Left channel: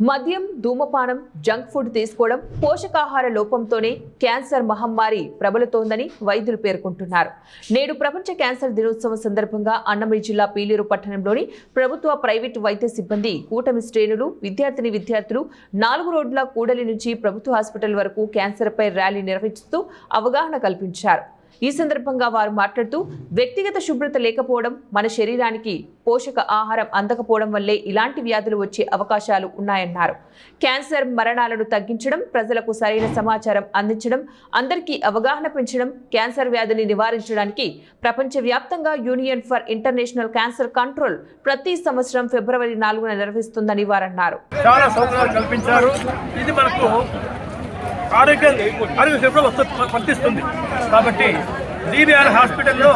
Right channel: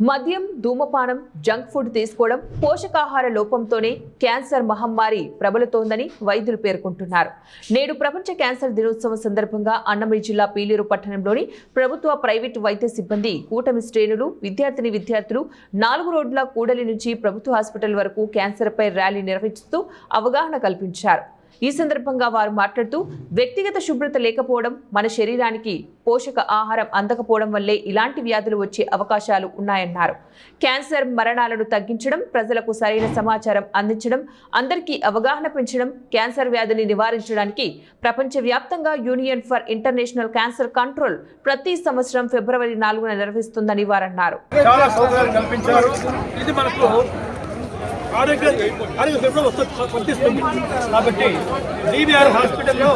మద్యం, ధూమపానం, junk food తీసుకోవడం, పోషకాహార లోపంతోనే క్యాన్సర్ మహమ్మారి ప్రబలుతోందని వైద్యులు పేర్కొంటున్నారు. నేడు ప్రపంచ క్యాన్సర్ దినోత్సవం సందర్భంగా అన్నమయ్య జిల్లా పీలేరు పట్టణంలోని ప్రభుత్వ, ప్రైవేటు వైద్య సిబ్బంది, కూటమి శ్రేణులు, విద్యార్థులు 4 రోడ్ల కూడలి నుంచి ప్రభుత్వ హాస్పిటల్ వరకు క్యాన్సర్పై ర్యాలీ నిర్వహిస్తూ అవగాహన కల్పించారు. ఈ సందర్భంగా వారు మాట్లాడుతూ వ్యక్తిగత శుభ్రత లేకపోవడం, మన శరీరానికి పోషక ఆహారం అందకపోవడం వల్లే ఇలాంటి వ్యాధులు వచ్చే అవకాశాలు ఉన్నాయన్నారు. క్యాన్సర్ మరణాలను తగ్గించడం, ప్రజలకు సరైన సమాచారం అందించడం, అందరికీ అవగాహన పెంచడం, క్యాన్సర్ వ్యాధిని నివారించడానికి ప్రపంచవ్యాప్తంగా union for international cancer control ప్రతి సంవత్సరం ఫిబ్రవరి 4న నిర్వహిస్తుందని వారన్నారు. చాలా సౌకర్యాలు కల్పించారు. ఇది మనకు ఆరోగ్య సేవలో వర్తిస్తుంది. కాబట్టి DBR హాస్పిటల్లో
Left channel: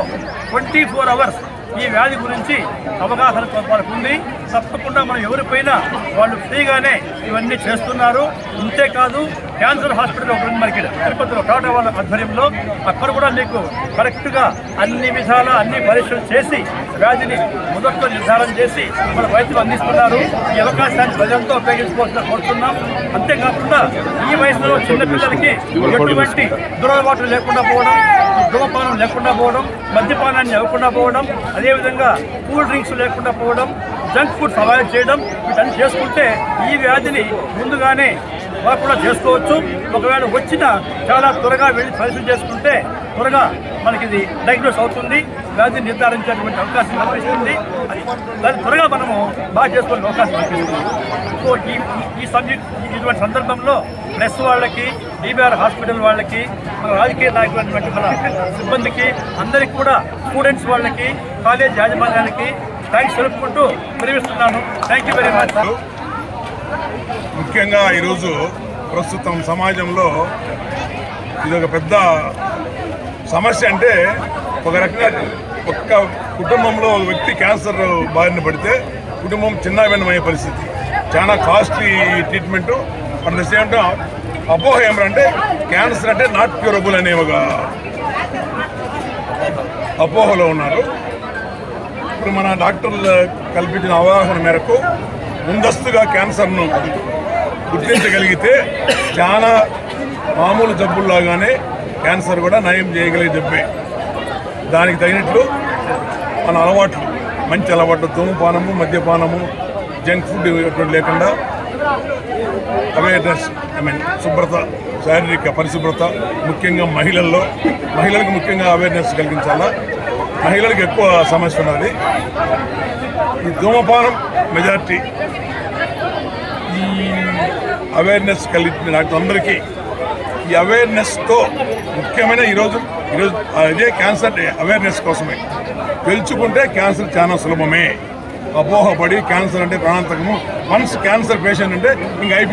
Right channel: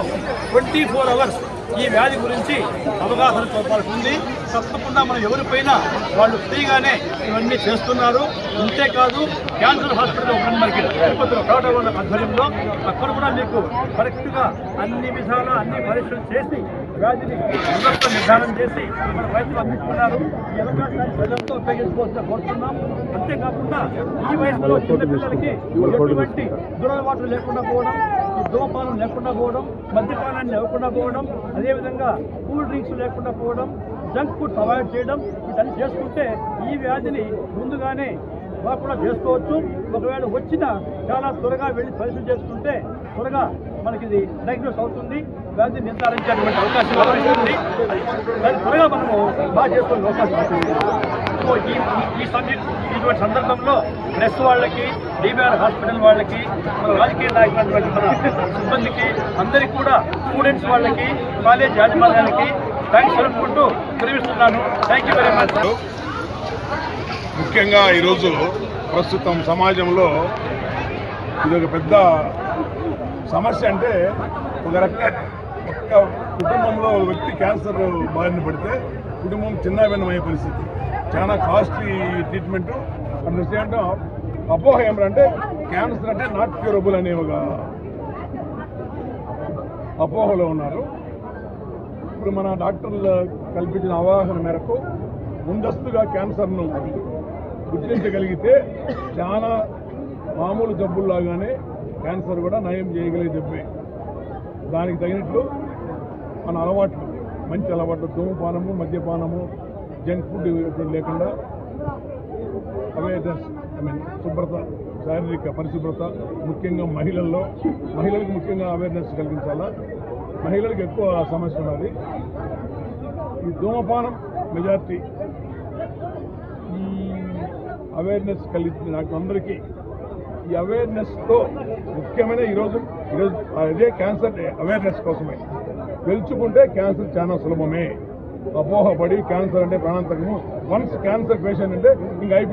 24 అవర్స్ ఈ వ్యాధి గురించి అవగాహన వాళ్ళకు ఉంది. తప్పకుండా మనం ఎవరిపైనా వాళ్ళు ఫ్రీగానే ఇవన్నీ చేస్తున్నారు. ఇంతేకాదు క్యాన్సర్ హాస్పిటల్ ఒకటి మనకి తిరుపతిలో కావడం వాళ్ళ ఆధ్వర్యంలో అక్కడ కూడా మీకు కరెక్ట్గా అన్ని విధాల అన్ని పరీక్షలు చేసి వ్యాధిని మొదట్లో నిర్ధారణ చేసి మన వైద్యులు అందిస్తున్నారు. ఈ అవకాశాన్ని ప్రజలతో ఉపయోగించుకోవాల్సిన కోరుతున్నాం. అంతేకాకుండా ఈ వయసులో చిన్నపిల్లలకి ఎటువంటి దురలవాట్లు లేకుండా పోవడం, ధూమపానం లేకుండా పోవడం, మద్యపానాన్ని ఇవ్వకుండా పోవడం, అదేవిధంగా కూల్ డ్రింక్స్ లేకుండా పోవడం, జంక్ ఫుడ్స్ అవాయిడ్ చేయడం, వీటన్ని చేసుకుంటే ఈ వ్యాధిని ముందుగానే వాళ్ళు కూడా చేసుకోవచ్చు. ఒకవేళ వచ్చినా చాలా త్వరగా వెళ్ళి పరిశీలన చేసుకుంటే త్వరగా మనకి ఇది డయాగ్నోస్ అవుతుంది, వ్యాధిని నిర్ధారించేటువంటి అవకాశం కల్పిస్తుంది. దాన్ని త్వరగా మనము బాగా చేసుకునే అవకాశం కల్పిస్తుంది. సో ఇటువంటి సందర్భంలో ప్రెస్ వాళ్ళకి, DBR హాస్పిటల్ వాళ్ళకి, మన రాజకీయ నాయకులైనటువంటి మన సిబ్బందికి, అందరికీ కూడా స్టూడెంట్స్ వాళ్ళకి, కాలేజ్ యాజమాన్యానికి థ్యాంక్స్ తెలుపుకుంటూ విరమిస్తున్నాను. Thank you very much. ముఖ్యంగా ఈరోజు ప్రస్తుతం సమాజంలో ఇది ఒక పెద్ద సమస్య. అంటే ఒక రకంగా ఒక్క కుటుంబంలో ఒక వ్యక్తి క్యాన్సర్ బారిన పడితే కుటుంబం చిన్నభిన్నమయ్యే పరిస్థితి. చాలా costly treatment. At the same time అపోహ ఏమంటే క్యాన్సర్ అంటే నాట్ క్యూరబుల్ అనే ఒక అపోహలో ఉన్నారు. ఇప్పుడు మన డాక్టర్లు కల్పించిన అవగాహన మేరకు ముందస్తుగా క్యాన్సర్ను గుర్తించగలిగితే చాలా మామూలు జబ్బుల్లాగానే క్యాన్సర్ కూడా నయం చేయగలిగే జబ్బే. దానికి తగినట్లు మన అలవాట్లు, మంచి అలవాట్లు, ధూమపానము, మద్యపానము, జంక్ ఫుడ్ ఇటువంటి లేకుండా అవేర్నెస్, శుభ్రత, శారీరక పరిశుభ్రత, ముఖ్యంగా మహిళలకు ముఖ్యంగా అవేర్నెస్ కలిగించాలా. మహిళలకు ఎక్కువ సమస్య ఉన్నది. ఈ ధూమపానం మెజార్టీ. ఈ అవేర్నెస్ కలిగిన డాక్టర్లందరికీ ఈ అవేర్నెస్తో ముఖ్యమైన ఈరోజు అదే క్యాన్సర్ అవేర్నెస్ కోసమే. తెలుసుకుంటే క్యాన్సర్ చాలా సులభమే. అపోహపడి క్యాన్సర్ అంటే ప్రాణాంతకము, వన్స్ క్యాన్సర్ పేషెంట్ అంటే ఇంకా